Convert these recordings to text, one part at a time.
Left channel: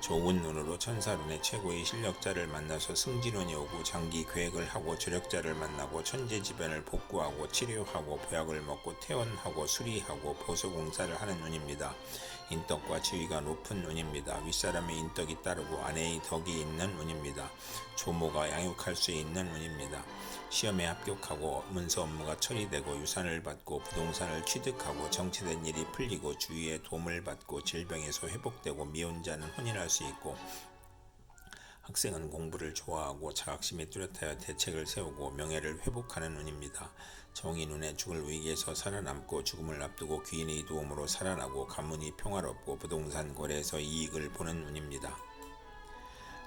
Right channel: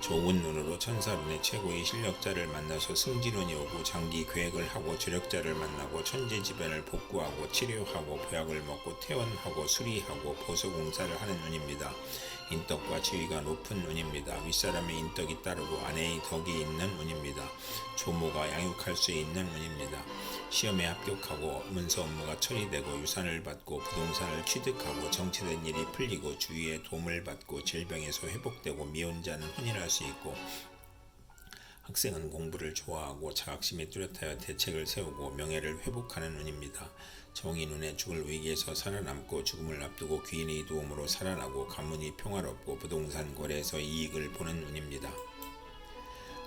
좋은 눈으로 천사론의 최고의 실력자를 만나서 승진운이 오고 장기 계획을 하고 조력자를 만나고 천재지변을 복구하고 치료하고 보약을 먹고 퇴원하고 수리하고 보수공사를 하는 운입니다. 인덕과 지위가 높은 운입니다. 윗사람의 인덕이 따르고 아내의 덕이 있는 운입니다. 조모가 양육할 수 있는 운입니다. 시험에 합격하고 문서 업무가 처리되고 유산을 받고 부동산을 취득하고 정치된 일이 풀리고 주위의 도움을 받고 질병에서 회복되고 미혼자는 혼인할 수 있고 학생은 공부를 좋아하고 자각심에 뚜렷하여 대책을 세우고 명예를 회복하는 운입니다. 정의 눈에 죽을 위기에서 살아남고 죽음을 앞두고 귀인의 도움으로 살아나고 가문이 평화롭고 부동산 거래에서 이익을 보는 운입니다.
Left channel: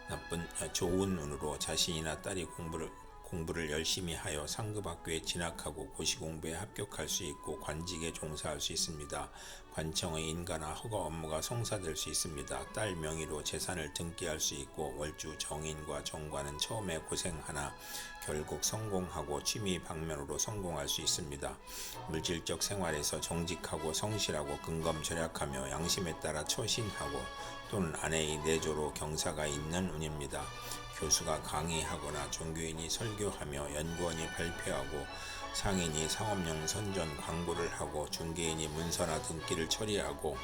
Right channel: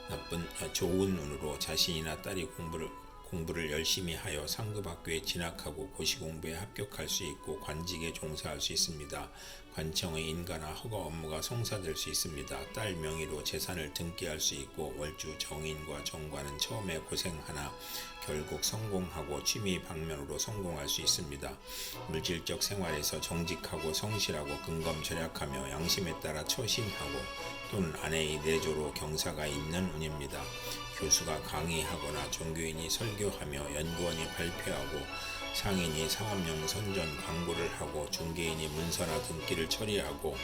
나쁜 아, 좋은 눈으로 자신이나 딸이 공부를 공부를 열심히 하여 상급 학교에 진학하고 고시 공부에 합격할 수 있고 관직에 종사할 수 있습니다. 관청의 인가나 허가 업무가 성사될 수 있습니다. 딸 명의로 재산을 등기할 수 있고 월주 정인과 정관은 처음에 고생하나 결국 성공하고 취미 방면으로 성공할 수 있습니다. 물질적 생활에서 정직하고 성실하고 근검 절약하며 양심에 따라 처신하고 또는 아내의 내조로 경사가 있는 운입니다. 교수가 강의하거나 종교인이 설교하며 연구원이 발표하고 상인이 상업용 선전 광고를 하고 중개인이 문서나 등기를 처리하고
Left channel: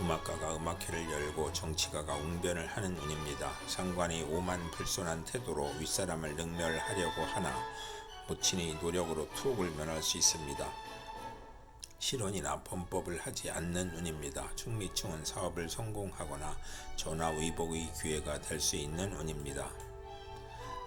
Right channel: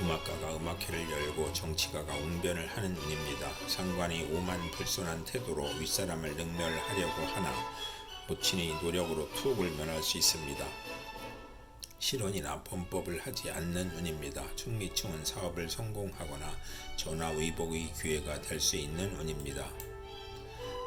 음악가가 음악회를 열고 정치가가 웅변을 하는 운입니다. 상관이 오만 불손한 태도로 윗사람을 능멸하려고 하나 모친의 노력으로 투옥을 면할 수 있습니다. 실언이나 범법을 하지 않는 운입니다. 충미층은 사업을 성공하거나 전화위복의 기회가 될 수 있는 운입니다.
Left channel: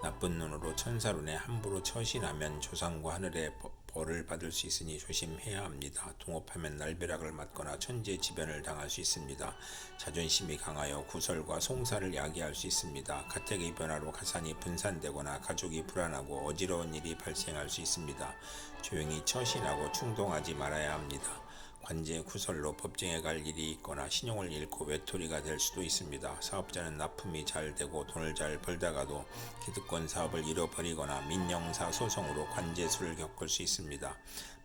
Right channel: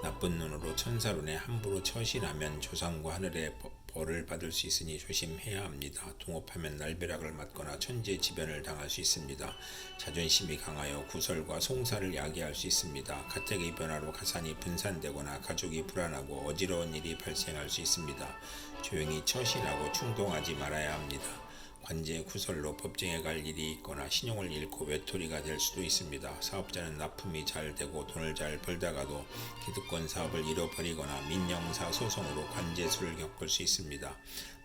나쁜 눈으로 천사론에 함부로 처신하면 조상과 하늘의 벌을 받을 수 있으니 조심해야 합니다. 동업하면 날벼락을 맞거나 천재지변을 당할 수 있습니다. 자존심이 강하여 구설과 송사를 야기할 수 있습니다. 가택의 변화로 가산이 분산되거나 가족이 불안하고 어지러운 일이 발생할 수 있습니다. 조용히 처신하고 충동하지 말아야 합니다. 관제 구설로 법정에 갈 일이 있거나 신용을 잃고 외톨이가 될 수도 있습니다. 사업자는 납품이 잘 되고 돈을 잘 벌다가도 기득권 사업을 잃어버리거나 민영사 소송으로 관제수를 겪을 수 있습니다.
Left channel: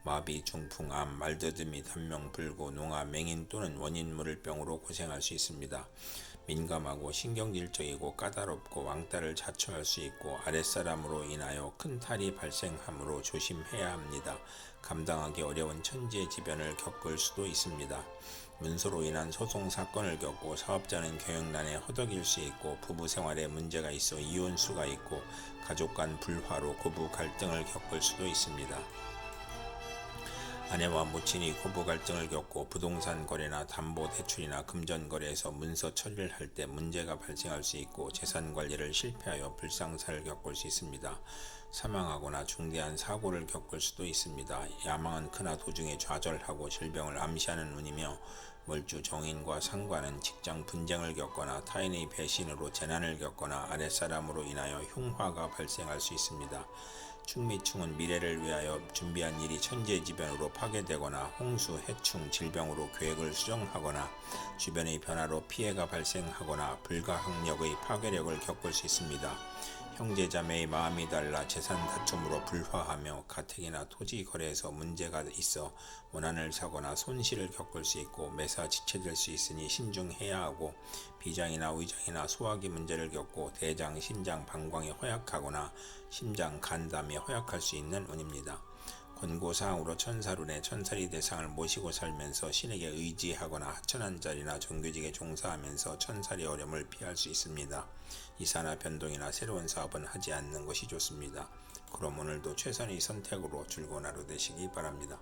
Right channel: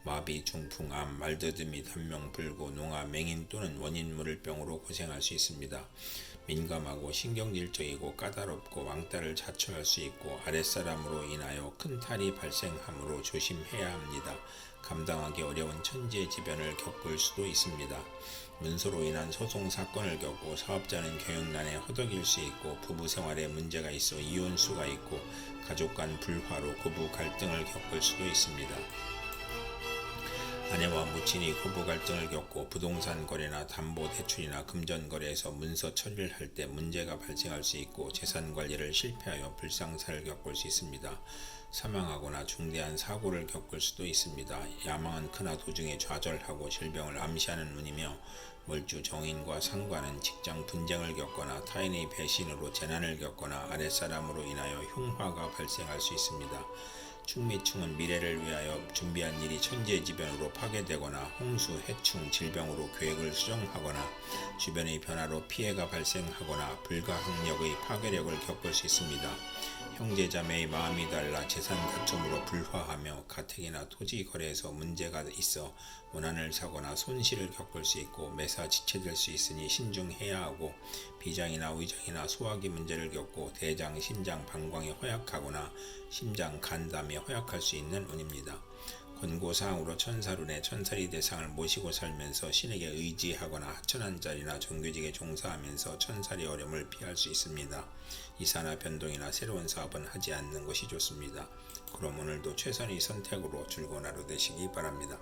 마비, 중풍, 암, 말더듬이, 단명 불구, 농화, 맹인 또는 원인 물을병으로 고생할 수 있습니다. 민감하고 신경질적이고 까다롭고 왕따를 자초할 수 있고 아랫사람으로 인하여 큰 탈이 발생하므로 조심해야 합니다. 감당하기 어려운 천재지변을 겪을 수도 있습니다. 문서로 인한 소송 사건을 겪고 사업자는 경영난에 허덕일 수 있고 부부 생활에 문제가 있어 이혼수가 있고 가족 간 불화로 고부 갈등을 겪을 수도 있습니다. 아내와 모친이 고부 갈등을 겪고 부동산 거래나 담보 대출이나 금전 거래에서 문서 처리를 할 때 문제가 발생할 수 있고 재산 관리를 실패하여 불상사를 겪을 수 있습니다. 사망하거나 중대한 사고를 겪을 수도 있습니다. 야망은 크나 도중에 좌절하고 질병을 암시하는 운이며 멀주 정인과 상관은 직장 분쟁을 겪거나 타인의 배신으로 재난을 겪거나 아랫사람으로 인하여 흉화가 발생할 수 있습니다. 충미층은 미래를 위하여 준비한 일이 천재지변으로 파괴되거나 홍수, 해충, 질병으로 계획을 수정하거나 주변의 변화로 피해가 발생하거나 불가항력의 파괴력을 겪을 수 있습니다. 형제자매의 마음이 달라 재산 다툼으로 불화하며 가택이나 토지 거래에서 문제가 있어 문안을 사거나 손실을 겪을 수 있고 매사 지체될 수 있으니 신중해야 하고 비장이나 의장이나 소화기 문제를 겪고 대장, 심장, 방광이 허약하거나 심장, 간담이 허약할 수 있는 운입니다. 권고사항으로 천사룬의 천사리 대상을 모시고 살면서 신에게 의지하거나 하천한 자리나 정규직에 종사하면서 천사리 어려움을 피할 수 있습니다. 이사나 변동이나 새로운 사업은 하지 않는 것이 좋습니다. 그럼 오늘도 최선의 선택으로 즐거운 하루 되시기 바랍니다.